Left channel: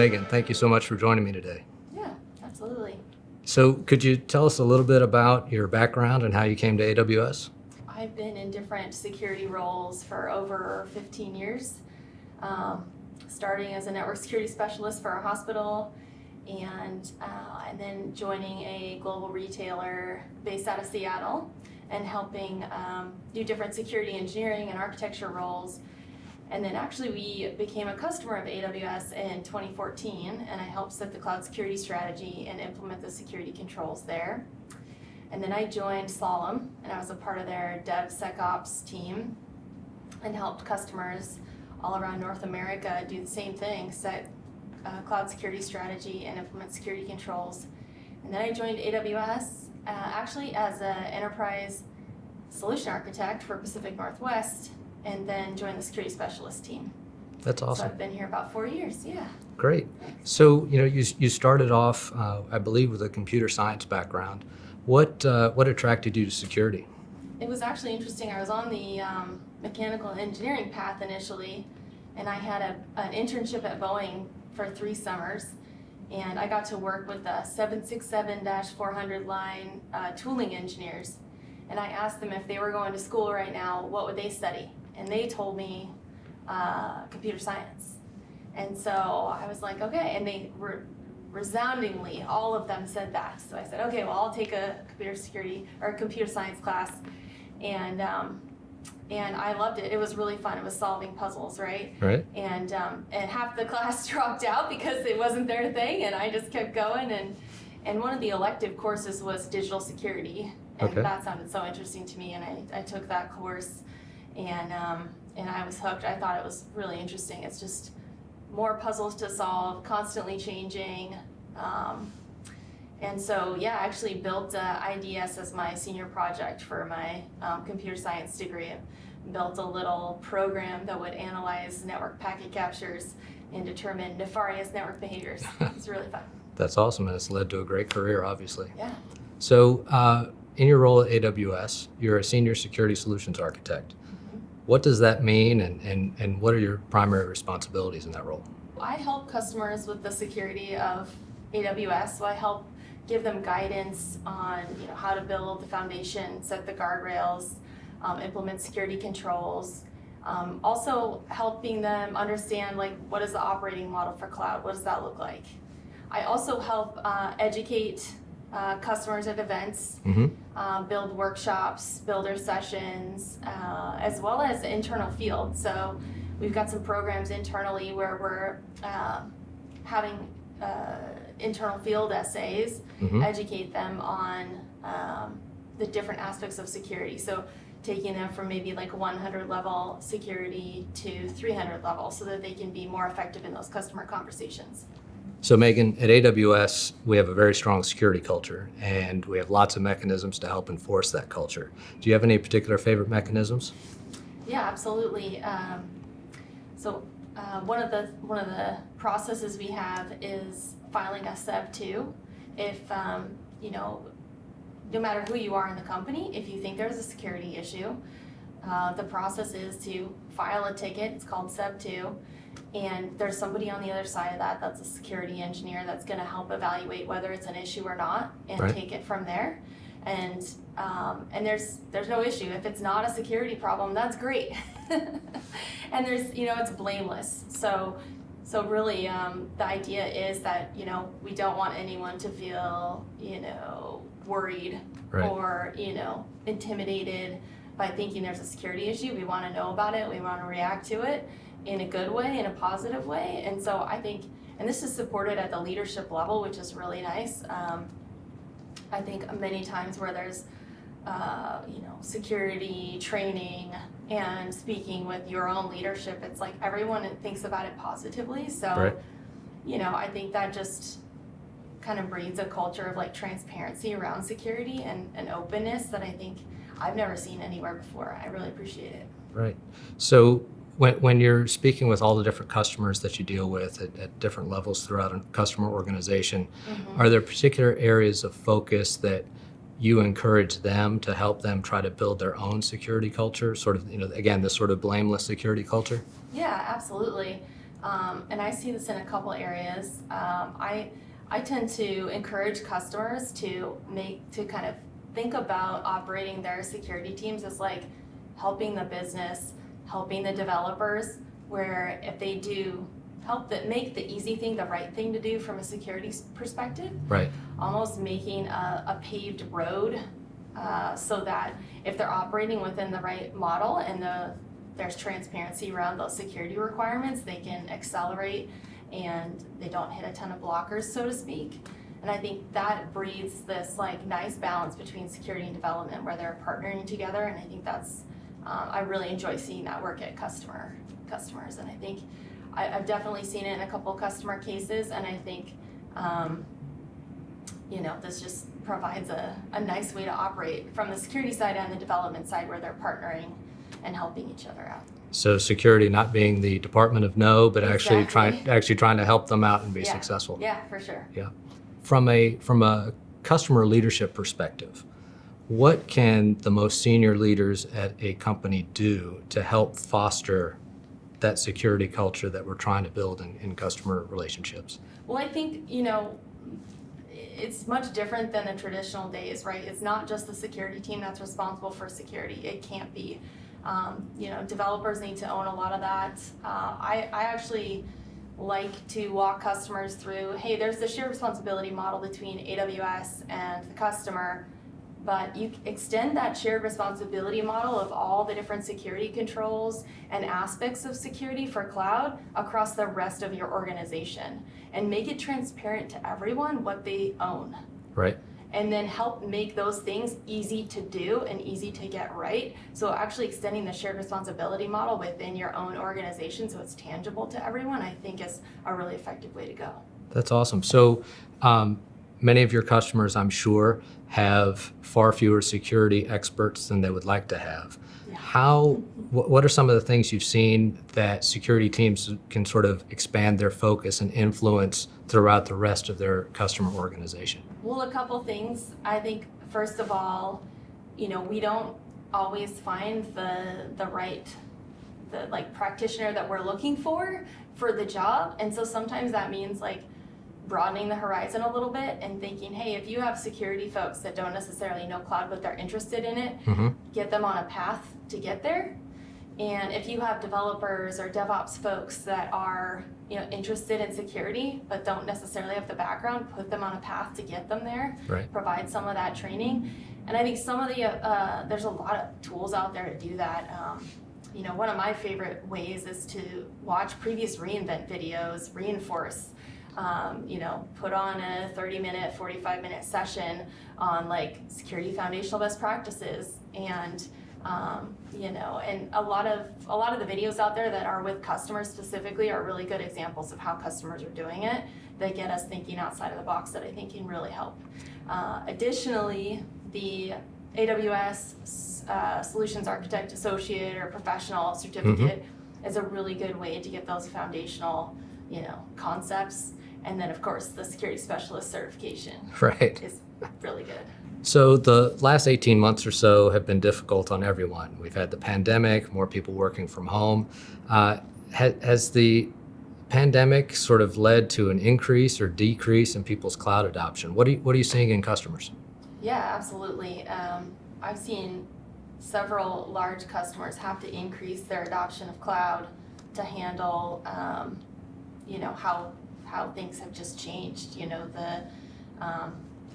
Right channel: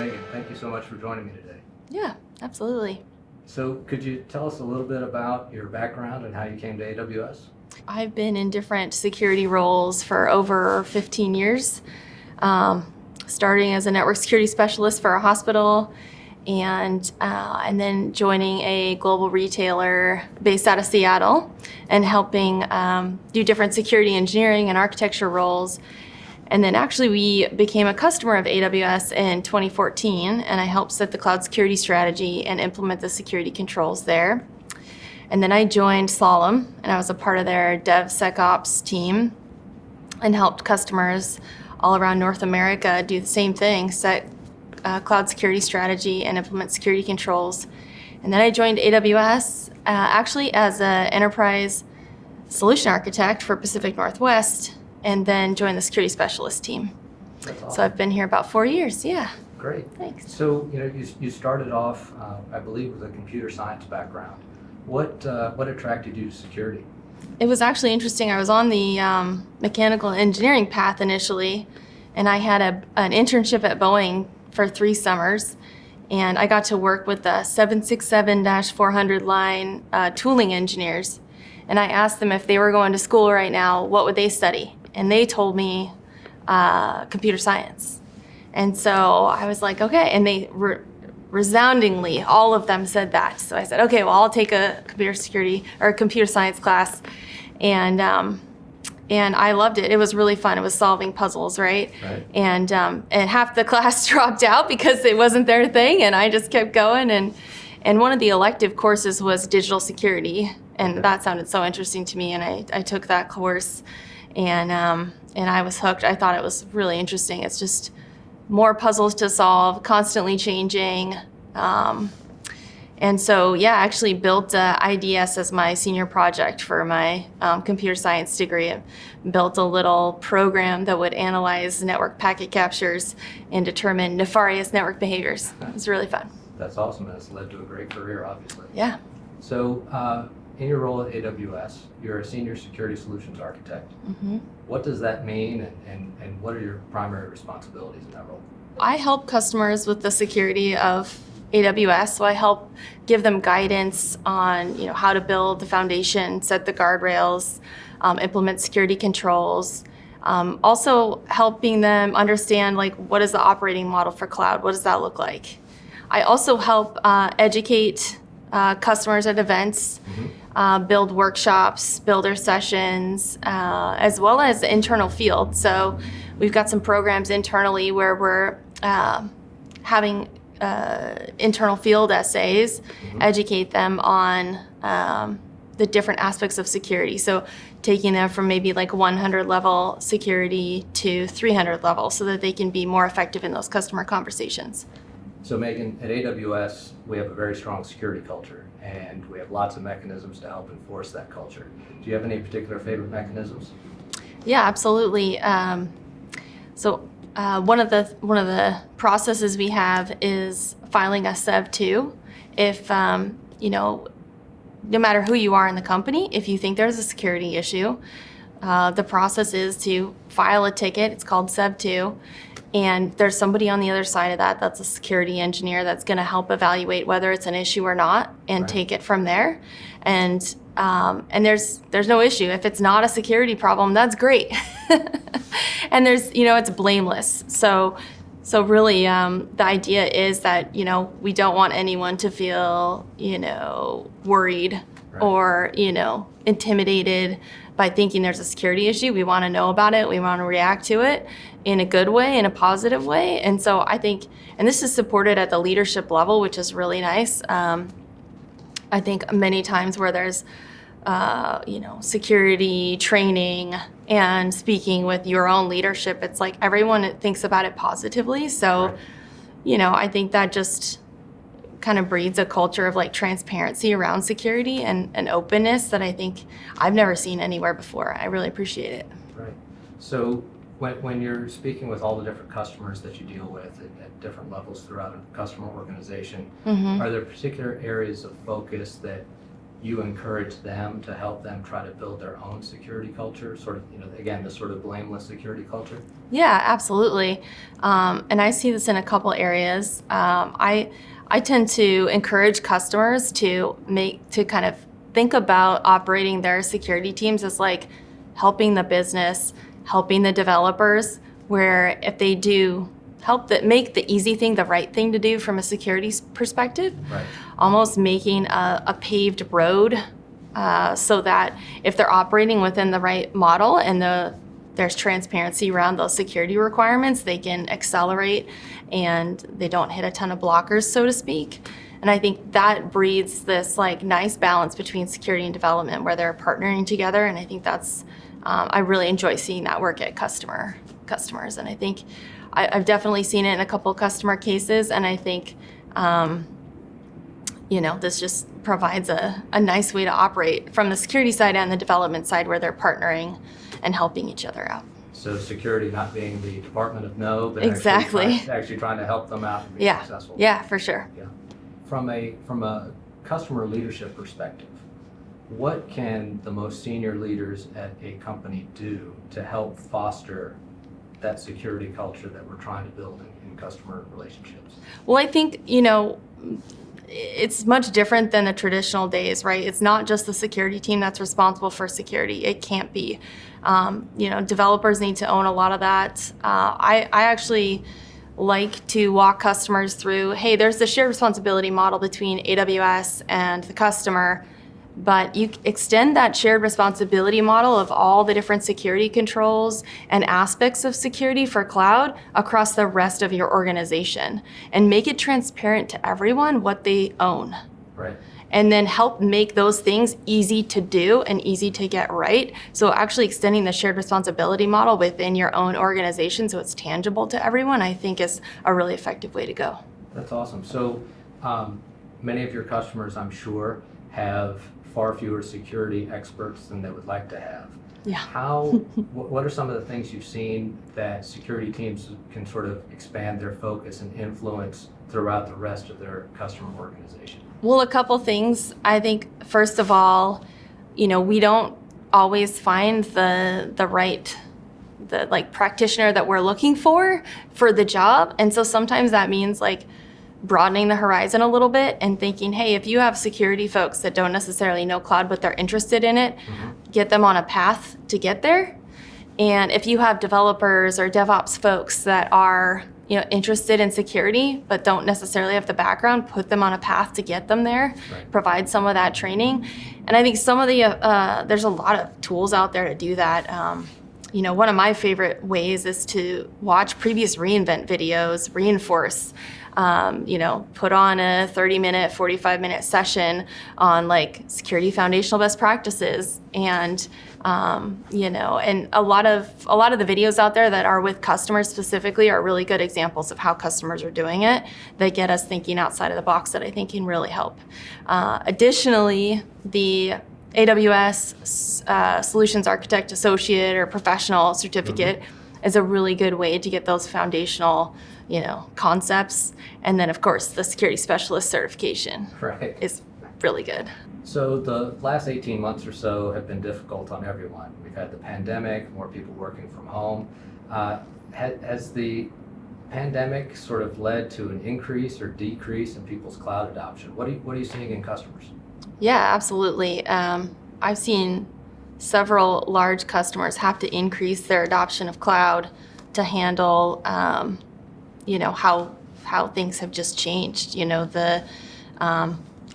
Megan, thank you so much for joining me today. Yeah, absolutely. So could you tell us a little bit about your background and how you came to AWS? I've been in different security roles for over 15 years, starting as a network security specialist for a hospital, and then joining a global retailer based out of Seattle and helping do different security engineering and architecture roles. And then actually we became a customer of AWS in 2014, and I helped set the cloud security strategy and implement the security controls there. And then I joined Slalom, and I was a part of their DevSecOps team and helped customers all around North America do the same thing, set cloud security strategy and implement security controls. And then I joined AWS actually as an enterprise solution architect for Pacific Northwest, and then joined the security specialist team. That's awesome. So I've been here about 4 years, yeah. Great. Thanks. So, you started off, I believe, with a computer science background. What attracted you to security? It was actually interesting. I was on the mechanical engineering path initially, and I had an internship at Boeing for 3 summers, and I got to work with the 767-400 line tooling engineers. And I asked them if they were going to school right now, what would they study? And they told me computer science. And so I was like, okay. And they resoundingly, all of them said that. So I said, okay, well, I'll take a computer science class. And I loved it. It was really fun. It was solving puzzles, right? Right. And half the class dropped out because it wasn't their thing, and I just kept going. And one of the elective courses was digital security, and Okay. that sounded so interesting to me. And I took that course, and I was hooked. I thought it was really interesting. It's just more puzzles to solve, constantly changing. And so, yeah, I actually built IDS as my senior project for my computer science degree. I built a little program that would analyze network packet captures and determine nefarious network behaviors. It was really fun. That's awesome, and it's led to a great career, obviously. Yeah. So, in your role at AWS, you're a senior security solutions architect. Mm-hmm. What does that mean, and what are your primary responsibilities in that role? I help customers with the security of AWS, so I help give them guidance on how to build the foundation, set the guardrails, implement security controls. Also helping them understand what is the operating model for cloud, what does that look like. I also help educate customers at events, build workshops, builder sessions, as well as the internal field. So we've got some programs internally where we're having internal field essays, educate them on the different aspects of security. So taking them from maybe 100 level security to 300 level so that they can be more effective in those customer conversations. So Megan, at AWS, we have a very strong security culture, and we have lots of mechanisms to help enforce that culture. Do you have any particular favorite mechanisms? Yeah, absolutely. So one of the processes we have is filing a SEV 2. If no matter who you are in the company, if you think there's a security issue, the process is to file a ticket. It's called SEV 2. And there's somebody on the other side of that that's a security engineer that's going to help evaluate whether it's an issue or not and Right. take it from there. And there's no issue. If it's not a security problem, that's great. And it's blameless. So really, the idea is that, we don't want anyone to feel, worried Right. or, intimidated by thinking there's a security issue. We want to know about it. We want to react to it in a good way, in a positive way. And so I think, and this is supported at the leadership level, which is really nice. I think many times where there's, security training and speaking with your own leadership, it's like everyone thinks about it positively. So, Right. I think that just kind of breeds a culture of transparency around security and openness that I think I've never seen anywhere before. I really appreciate it. Right. So when you're speaking with all the different customers that you deal with at different levels throughout a customer organization, are there particular areas of focus that you encourage them to help them try to build their own security culture, sort of, again, this sort of blameless security culture? Yeah, absolutely. And I see this in a couple areas. I tend to encourage customers to kind of think about operating their security teams as like helping the business, helping the developers, where if they do make the easy thing the right thing to do from a security perspective, Right. almost making a paved road so that if they're operating within the right model and there's transparency around those security requirements, they can accelerate and they don't hit a ton of blockers, so to speak. And I think that breeds this like nice balance between security and development where they're partnering together. And I think that's, I really enjoy seeing that work at customers. And I think I've definitely seen it in a couple customer cases. And I think, this just provides a nice way to operate from the security side and the development side where they're partnering and helping each other out. So security not being the Department of No, but Exactly. actually trying to help them out and be successful. Yeah, for sure. Yeah. From a customer leadership perspective, what can the most senior leaders at a company do to help foster that security culture that we're trying to build in customer relationships? Well, I think, it's much different than the traditional days, right? It's not just the security team that's responsible for security. It can't be. Developers need to own a lot of that. I actually like to walk customers through, hey, there's the shared responsibility model between AWS and the customer, but you extend that shared responsibility model of all the different security controls and aspects of security for cloud across the rest of your organization and make it transparent to everyone what they own. Right. And then help make those things easy to do and easy to get right. So actually extending the shared responsibility model within your own organization so it's tangible to everyone, I think is a really effective way to go. That's awesome. So many of your customers, I'm sure, have far fewer security experts than they would like to have. Yeah. What are some of the things you've seen that security teams can sort of expand their focus and influence throughout the rest of their customer organization? Well, a couple things. I think, first of all, we don't always find the right practitioner that we're looking for the job. And so sometimes that means like broadening the horizon a little bit and thinking, hey, if you have security folks that don't necessarily know cloud, but they're interested in it, get them on a path to get there. And if you have developers or DevOps folks that are interested in security, but don't necessarily have the background, put them on a path to get them there, right. Provide some of that training. And I think some of there's a lot of tools out there to do that. One of my favorite ways is to watch previous reInvent videos, reinforce, put on a 30-minute, 45-minute session on like security foundational best practices and and a lot of the videos out there that are with customers specifically are really good examples of how customers are doing it that get us thinking outside of the box that I think can really help. Additionally, the AWS Solutions Architect Associate or Professional Certificate is a really good way to get those foundational concepts. And then, of course, the Security Specialist certification is really good. So the last 18 months or so have been difficult on everyone. We've had the pandemic, more people working from home. Has the pandemic sort of led to an increase or decrease in people's cloud adoption? What are you seeing in customers? Yeah, absolutely. I've seen several large customers have to increase their adoption of cloud to handle how things have just changed. The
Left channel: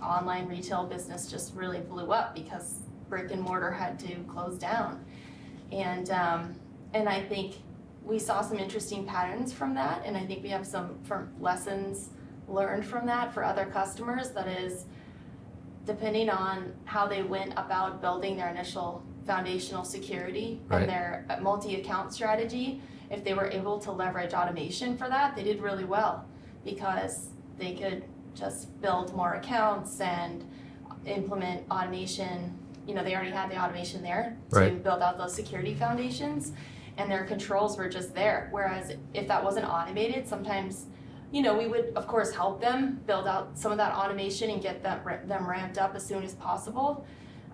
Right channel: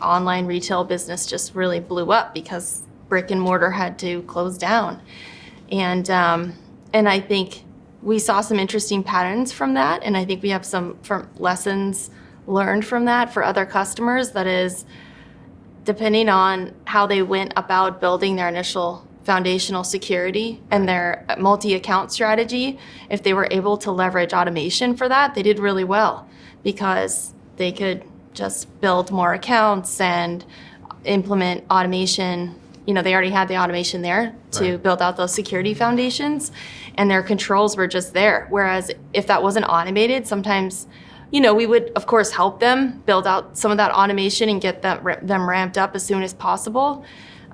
online retail business just really blew up because brick and mortar had to close down. And I think we saw some interesting patterns from that. And I think we have some lessons learned from that for other customers. That is, depending on how they went about building their initial foundational security and their multi-account strategy, if they were able to leverage automation for that, they did really well because they could just build more accounts and implement automation. They already had the automation there to build out those security foundations, and their controls were just there. Whereas if that wasn't automated, sometimes, we would, of course, help them build out some of that automation and get them ramped up as soon as possible.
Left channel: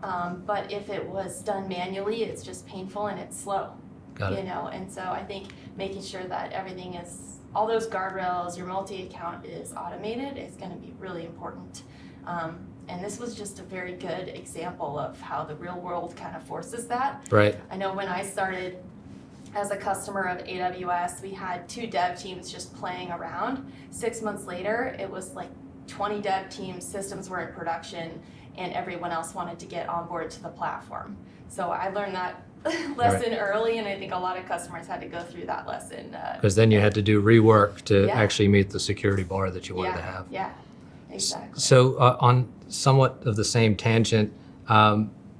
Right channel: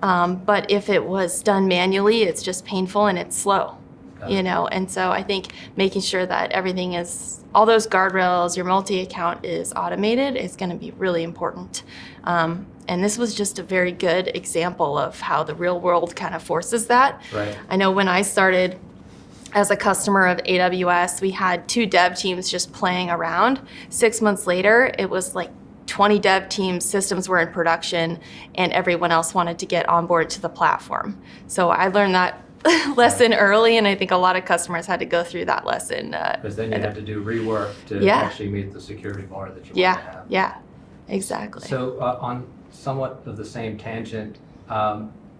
But if it was done manually, it's just painful and it's slow, Got it. And so I think making sure that everything is, all those guardrails, your multi-account is automated is going to be really important. And this was just a very good example of how the real world kind of forces that. Right. I know when I started as a customer of AWS, we had 2 dev teams just playing around. 6 months later, it was like 20 dev teams, systems were in production, and everyone else wanted to get on board to the platform. So I learned that lesson early, and I think a lot of customers had to go through that lesson. Because then you had to do rework to Yeah. actually meet the security bar that you wanted to have. Yeah, exactly. So on somewhat of the same tangent,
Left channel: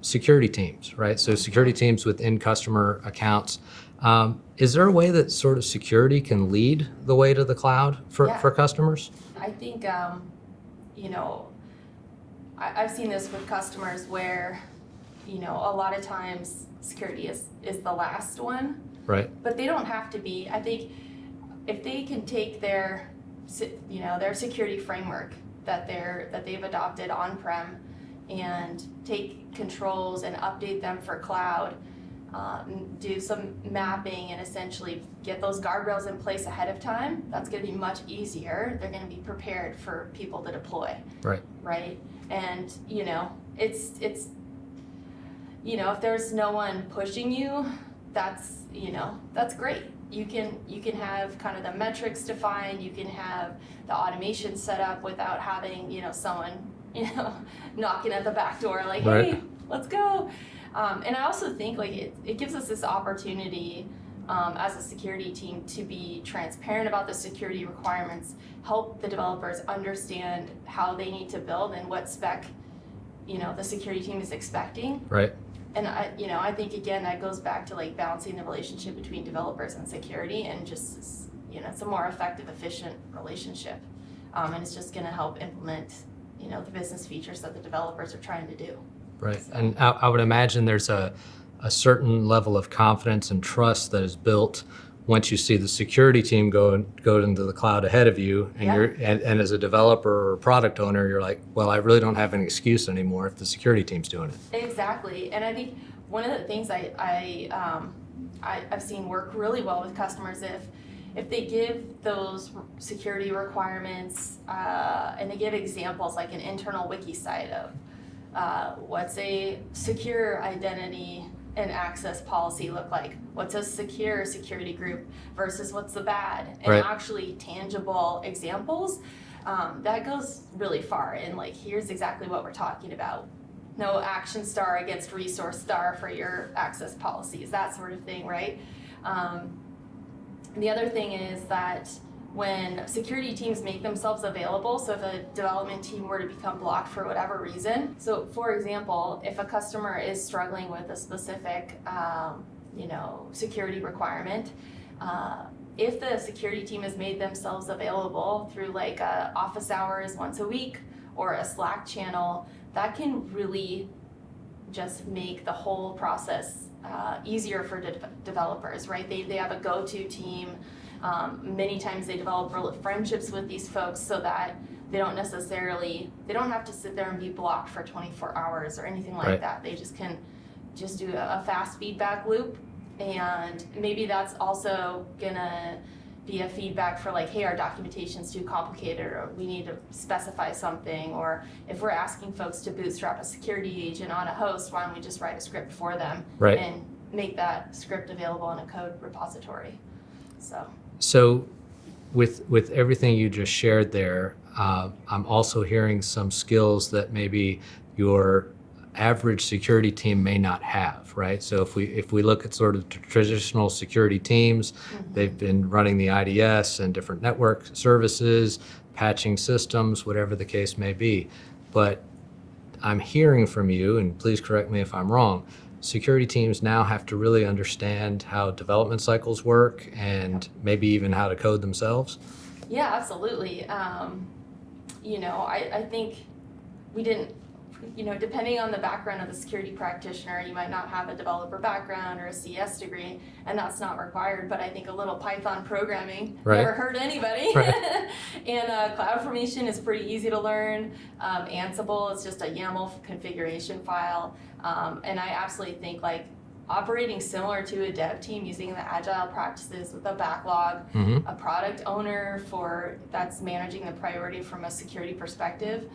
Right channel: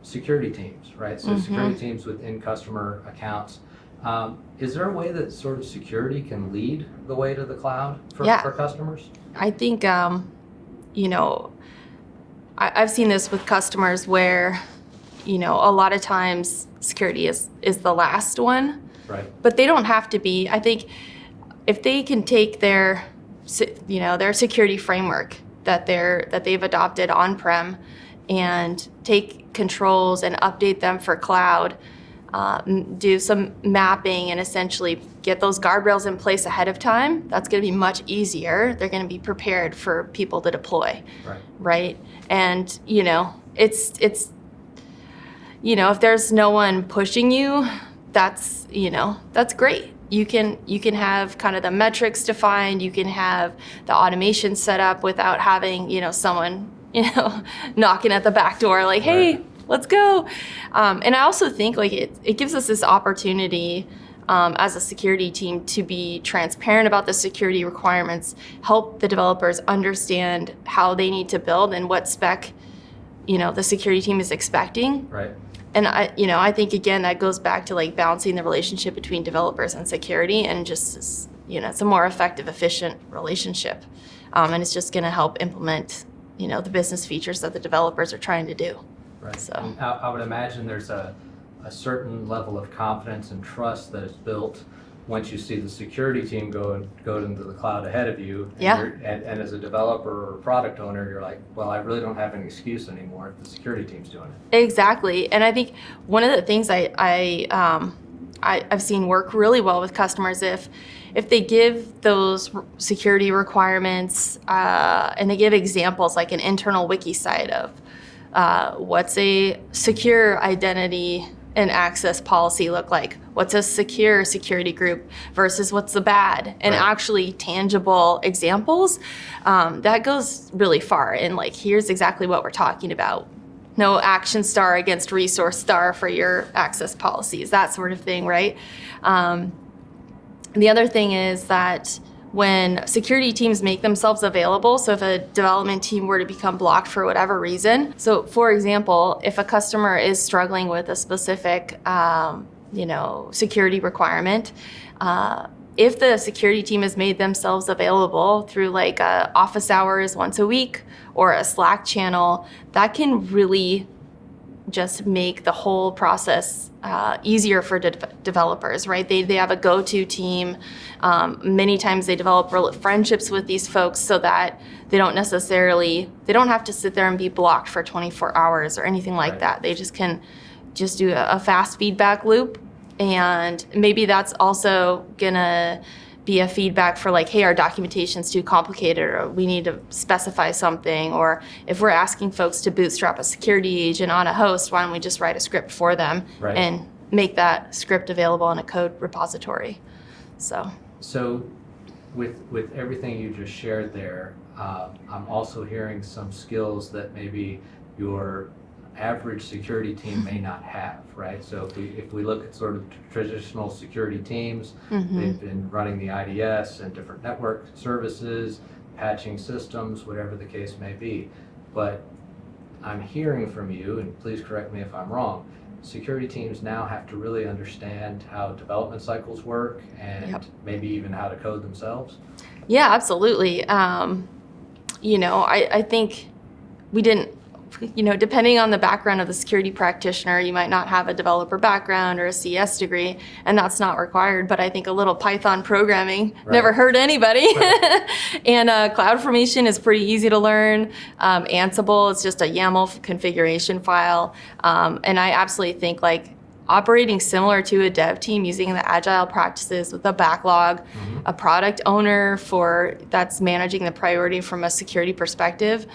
security teams, right? So security teams within customer accounts. Is there a way that sort of security can lead the way to the cloud for customers? I think, I've seen this with customers where, a lot of times security is the last one. Right. But they don't have to be. I think if they can take their security framework that they've adopted on-prem and take controls and update them for cloud, do some mapping and essentially get those guardrails in place ahead of time, that's going to be much easier. They're going to be prepared for people to deploy. Right. And, it's if there's no one pushing you, that's great. You can have kind of the metrics defined, you can have the automation set up without having, someone, knocking at the back door like, hey, let's go. And I also think like it gives us this opportunity as a security team to be transparent about the security requirements, help the developers understand how they need to build and what spec, the security team is expecting. Right. And I think again that goes back to like balancing the relationship between developers and security, and just it's a more effective, efficient relationship, and it's just going to help implement the business features that the developers are trying to do. Right. So. And I would imagine there's a certain level of confidence and trust that is built once you see the security team go into the cloud ahead of you, and, and as a developer or product owner, you're like, well, I really don't have an excuse anymore if the security team's doing it. Exactly, and I think one of the things I've seen work really well with customers if they give those security requirements and they give examples like an internal wiki site of what's a secure identity and access policy look like? What's a secure security group versus what's the bad? And actually tangible examples, that goes really far. And like, here's exactly what we're talking about. No action star against resource star for your access policies, that sort of thing, right? The other thing is that when security teams make themselves available, so if a development team were to become blocked for whatever reason, so for example, if a customer is struggling with a specific security requirement, if the security team has made themselves available through like office hours once a week or a Slack channel, that can really just make the whole process easier for developers, right? They have a go-to team. Many times they develop friendships with these folks so that they don't have to sit there and be blocked for 24 hours or anything like that. They just can do a fast feedback loop. And maybe that's also gonna be a feedback for like, hey, our documentation's too complicated, or we need to specify something, or if we're asking folks to bootstrap a security agent on a host, why don't we just write a script for them and make that script available in a code repository. So with everything you just shared there, I'm also hearing some skills that maybe your average security team may not have, right? So if we look at sort of traditional security teams, they've been running the IDS and different network services, patching systems, whatever the case may be. But I'm hearing from you, and please correct me if I'm wrong, security teams now have to really understand how development cycles work and maybe even how to code themselves. Yeah, absolutely. I think we didn't depending on the background of the security practitioner, you might not have a developer background or a CS degree, and that's not required. But I think a little Python programming never hurt anybody. Right. And CloudFormation is pretty easy to learn. Ansible is just a YAML configuration file. And I absolutely think operating similar to a dev team using the agile practices with a backlog, a product owner that's managing the priority from a security perspective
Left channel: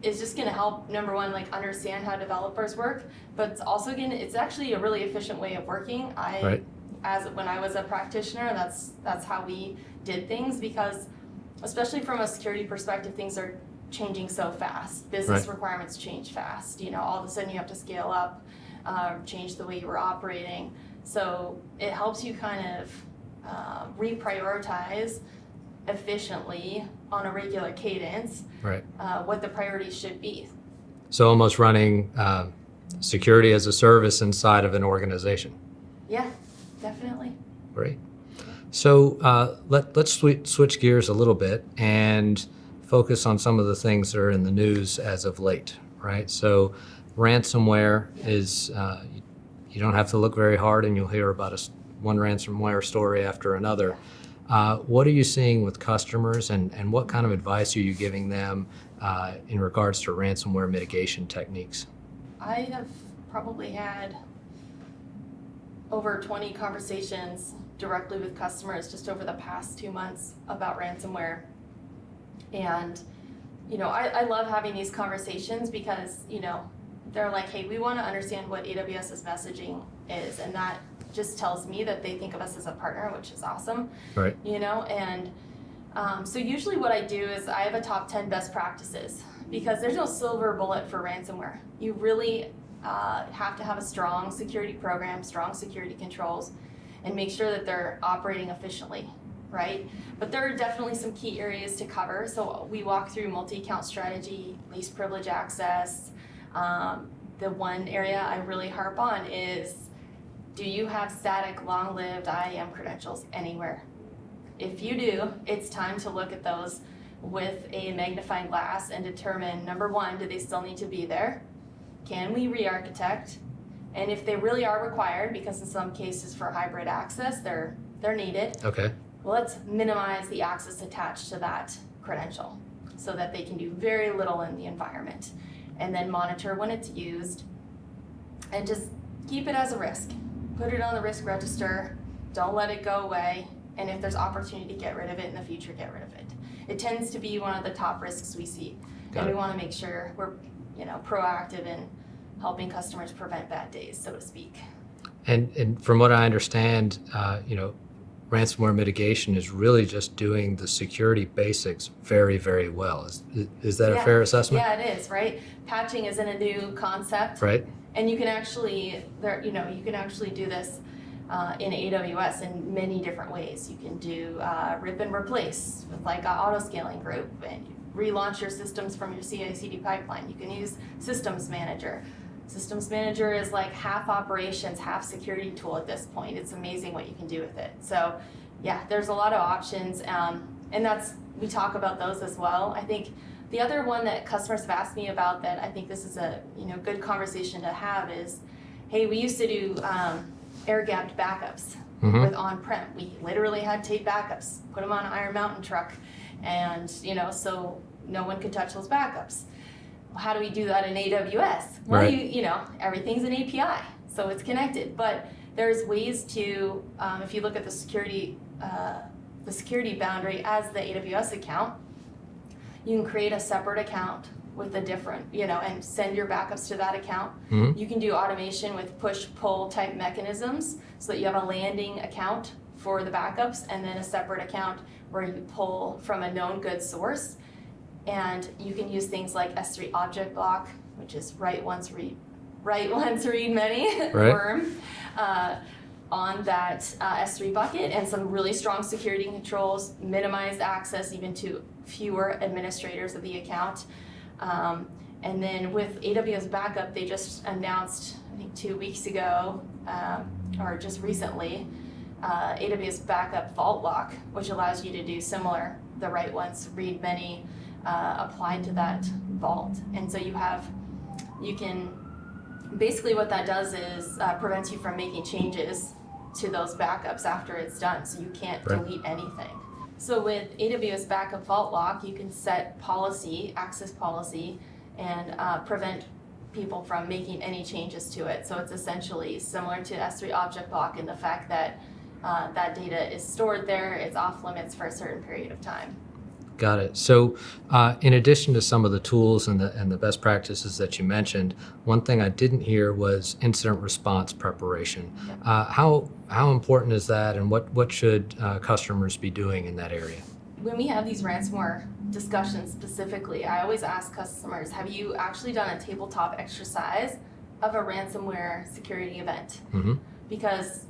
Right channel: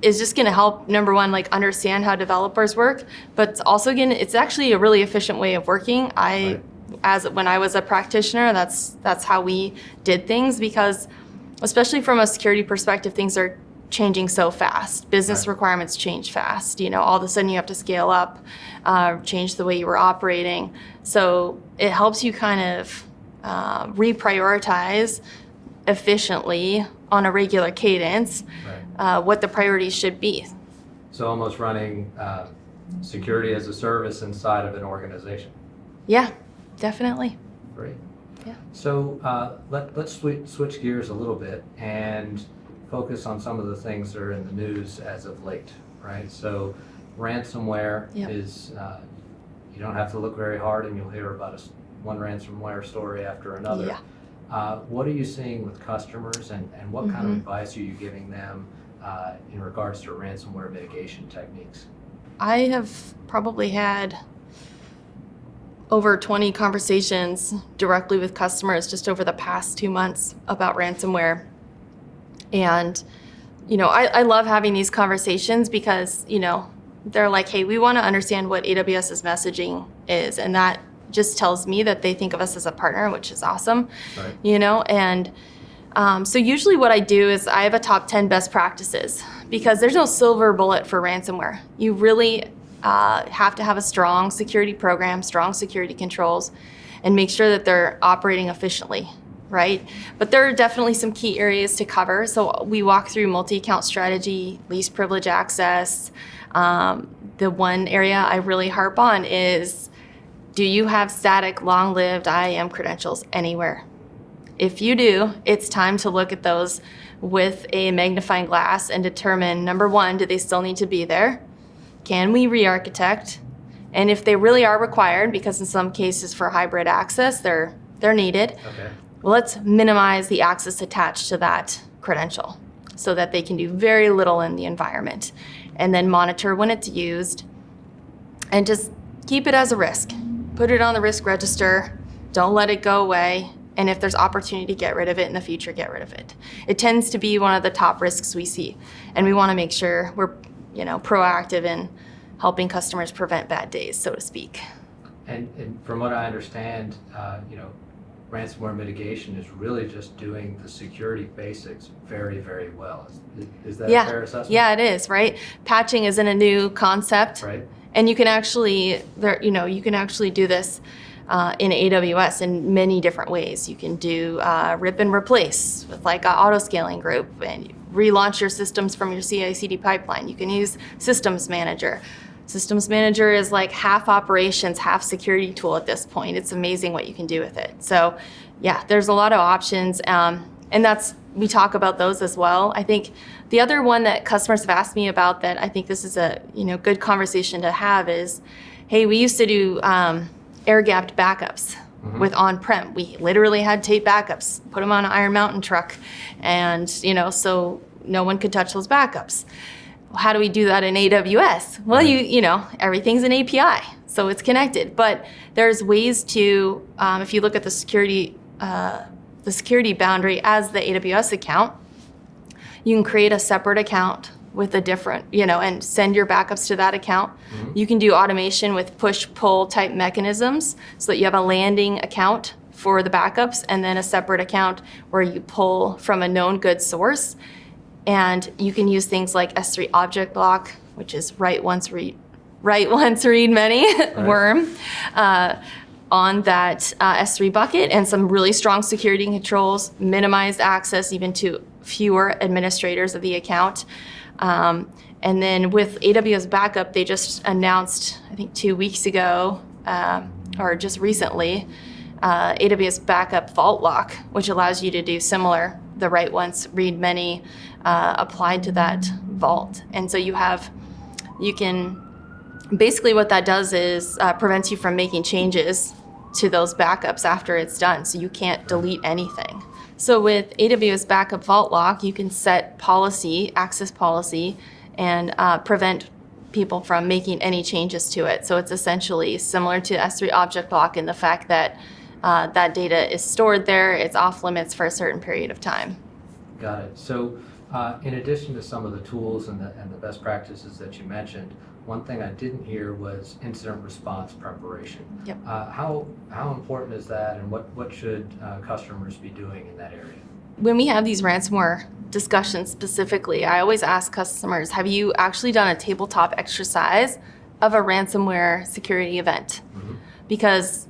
is just going to help, number one, understand how developers work, but it's actually a really efficient way of working. When I was a practitioner, that's how we did things, because especially from a security perspective, things are changing so fast. Business requirements change fast. All of a sudden you have to scale up, change the way you were operating. So it helps you kind of reprioritize efficiently on a regular cadence what the priorities should be. So almost running security as a service inside of an organization. Yeah, definitely. Great. Yeah. So let's switch gears a little bit and focus on some of the things that are in the news as of late, right? So ransomware is, you don't have to look very hard and you'll hear about one ransomware story after another. What are you seeing with customers, and what kind of advice are you giving them in regards to ransomware mitigation techniques? I have probably had over 20 conversations directly with customers just over the past 2 months about ransomware. And, I love having these conversations because, they're like, hey, we want to understand what AWS's messaging is. And that just tells me that they think of us as a partner, which is awesome. Right. And so usually what I do is I have a top 10 best practices, because there's no silver bullet for ransomware. You really have to have a strong security program, strong security controls, and make sure that they're operating efficiently. Right? But there are definitely some key areas to cover. So we walk through multi-account strategy, least privilege access. The one area I really harp on is, do you have static, long-lived IAM credentials anywhere? If you do, it's time to look at those with a magnifying glass and determine, number one, do they still need to be there? Can we re-architect? And if they really are required, because in some cases for hybrid access, they're needed. Okay. Well, let's minimize the access attached to that credential so that they can do very little in the environment, and then monitor when it's used and just keep it as a risk. Put it on the risk register. Don't let it go away. And if there's opportunity to get rid of it in the future, get rid of it. It tends to be one of the top risks we see. And we want to make sure we're, proactive in helping customers prevent bad days, so to speak. And from what I understand, ransomware mitigation is really just doing the security basics very, very well. Is that a fair assessment? Yeah, it is, right? Patching isn't a new concept. Right. And you can actually, do this in AWS in many different ways. You can do rip and replace with an auto-scaling group, and relaunch your systems from your CI/CD pipeline. You can use Systems Manager. Systems Manager is half operations, half security tool at this point. It's amazing what you can do with it. So yeah, there's a lot of options. And we talk about those as well. I think the other one that customers have asked me about that I think this is a good conversation to have is, hey, we used to do air-gapped backups with on-prem. We literally had tape backups, put them on an Iron Mountain truck, and so no one could touch those backups. How do we do that in AWS? Well, everything's an API, so it's connected. But there's ways to, if you look at the security boundary as the AWS account, you can create a separate account with a different, and send your backups to that account. You can do automation with push-pull type mechanisms so that you have a landing account for the backups and then a separate account where you pull from a known good source. And you can use things like S3 object lock, which is write once, read many, worm, on that S3 bucket, and some really strong security controls, minimized access even to fewer administrators of the account. And then with AWS Backup, they just announced, I think 2 weeks ago, or just recently, AWS Backup Vault Lock, which allows you to do similar, the write once, read many, applied to that vault. And so basically what that does is prevents you from making changes to those backups after it's done. So you can't delete anything. So with AWS Backup Vault Lock, you can set access policy, and prevent people from making any changes to it. So it's essentially similar to S3 Object Lock in the fact that that data is stored there, it's off limits for a certain period of time. Got it. So in addition to some of the tools and the best practices that you mentioned, one thing I didn't hear was incident response preparation. Yep. How important is that, and what should customers be doing in that area? When we have these ransomware discussions specifically, I always ask customers, have you actually done a tabletop exercise of a ransomware security event? Mm-hmm. Because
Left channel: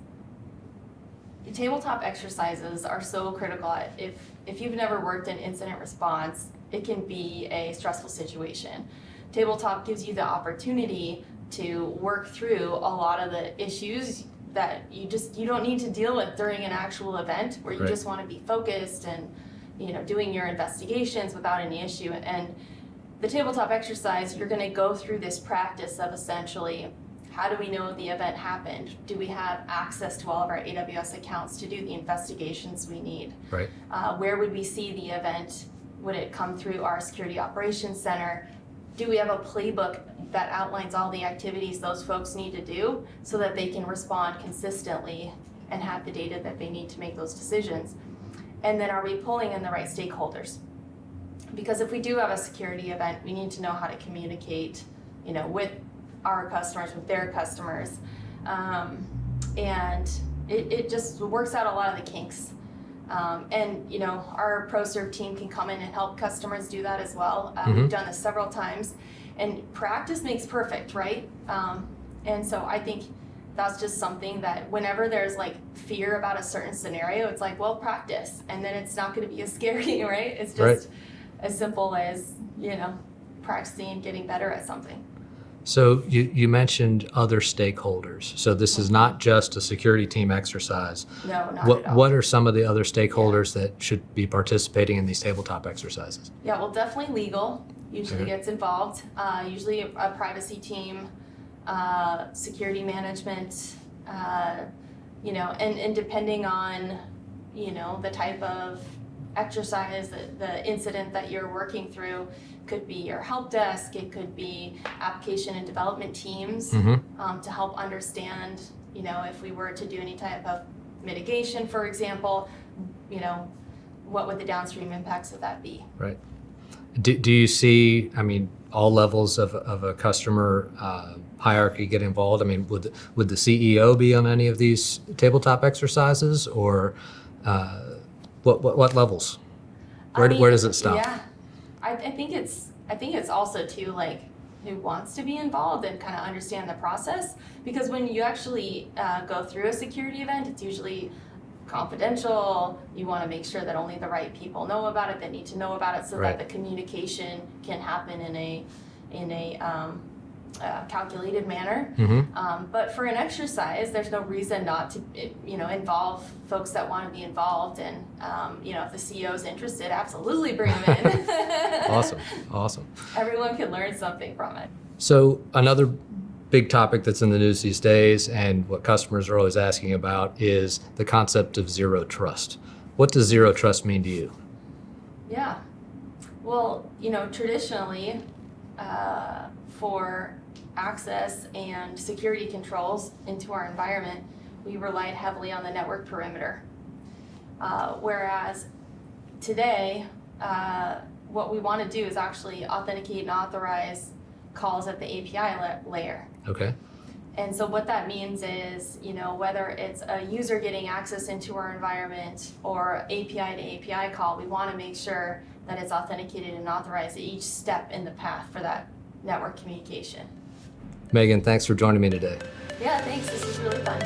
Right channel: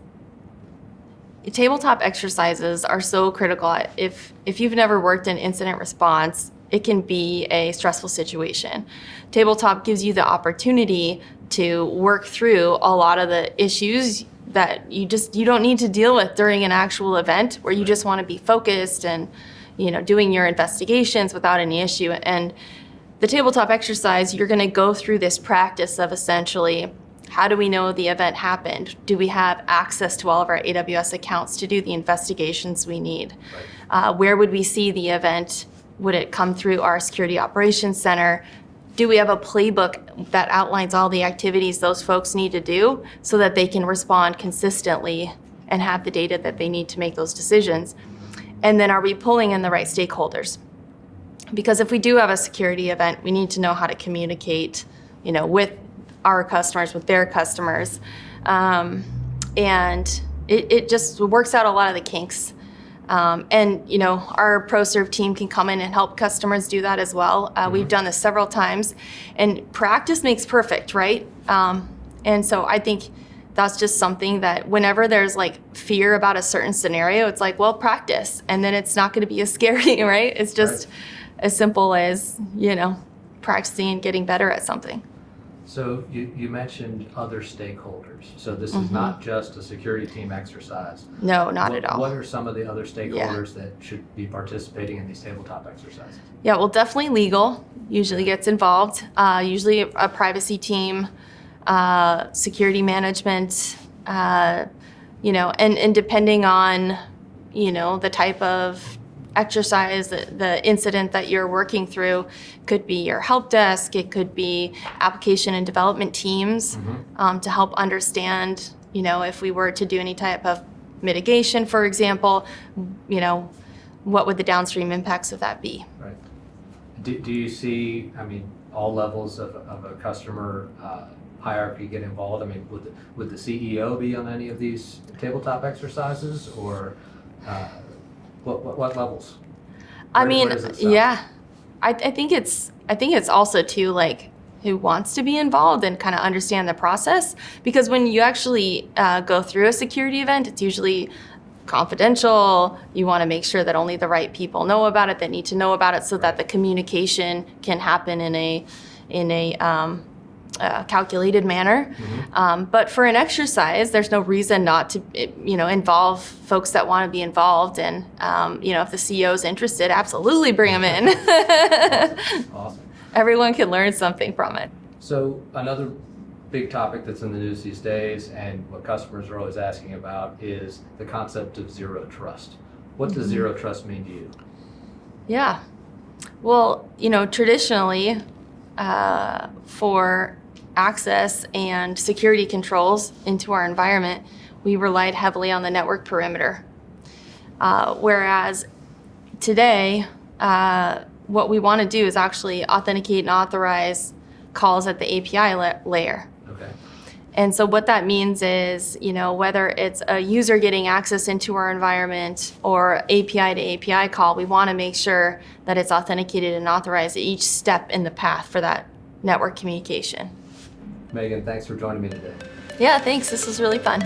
tabletop exercises are so critical. If you've never worked in incident response, it can be a stressful situation. Tabletop gives you the opportunity to work through a lot of the issues that you don't need to deal with during an actual event, where you just want to be focused and doing your investigations without any issue. And the tabletop exercise, you're going to go through this practice of essentially, how do we know the event happened? Do we have access to all of our AWS accounts to do the investigations we need? Right. Where would we see the event? Would it come through our security operations center? Do we have a playbook that outlines all the activities those folks need to do so that they can respond consistently and have the data that they need to make those decisions? And then are we pulling in the right stakeholders? Because if we do have a security event, we need to know how to communicate, with our customers, with their customers. And it just works out a lot of the kinks. And our ProServe team can come in and help customers do that as well. We've done this several times, and practice makes perfect, right? And so I think that's just something that whenever there's fear about a certain scenario, it's practice, and then it's not going to be as scary, right? It's just as simple as, practicing and getting better at something. So you mentioned other stakeholders. So this is not just a security team exercise. No, not at all. What are some of the other stakeholders that should be participating in these tabletop exercises? Yeah, well, definitely legal usually gets involved. Usually a privacy team, security management, and depending on, the type of exercise, the incident that you're working through, could be your help desk, it could be application and development teams to help understand, if we were to do any type of mitigation, for example, what would the downstream impacts of that be? Right. Do you see, all levels of a customer hierarchy get involved? Would the CEO be on any of these tabletop exercises, or what levels? Where does it stop? Yeah, I think it's also too who wants to be involved and kind of understand the process, because when you actually go through a security event, it's usually confidential. You want to make sure that only the right people know about it, that need to know about it, so that the communication can happen in a calculated manner. But for an exercise, there's no reason not to, involve folks that want to be involved. And, if the CEO is interested, absolutely bring them in. Awesome. Everyone can learn something from it. So another big topic that's in the news these days, and what customers are always asking about, is the concept of zero trust. What does zero trust mean to you? Yeah. Well, traditionally, for access and security controls into our environment, we relied heavily on the network perimeter. Whereas today, what we want to do is actually authenticate and authorize calls at the API layer. Okay. And so what that means is, whether it's a user getting access into our environment or API to API call, we want to make sure that it's authenticated and authorized at each step in the path for that network communication. Megan, thanks for joining me today. Yeah, thanks. This was really fun.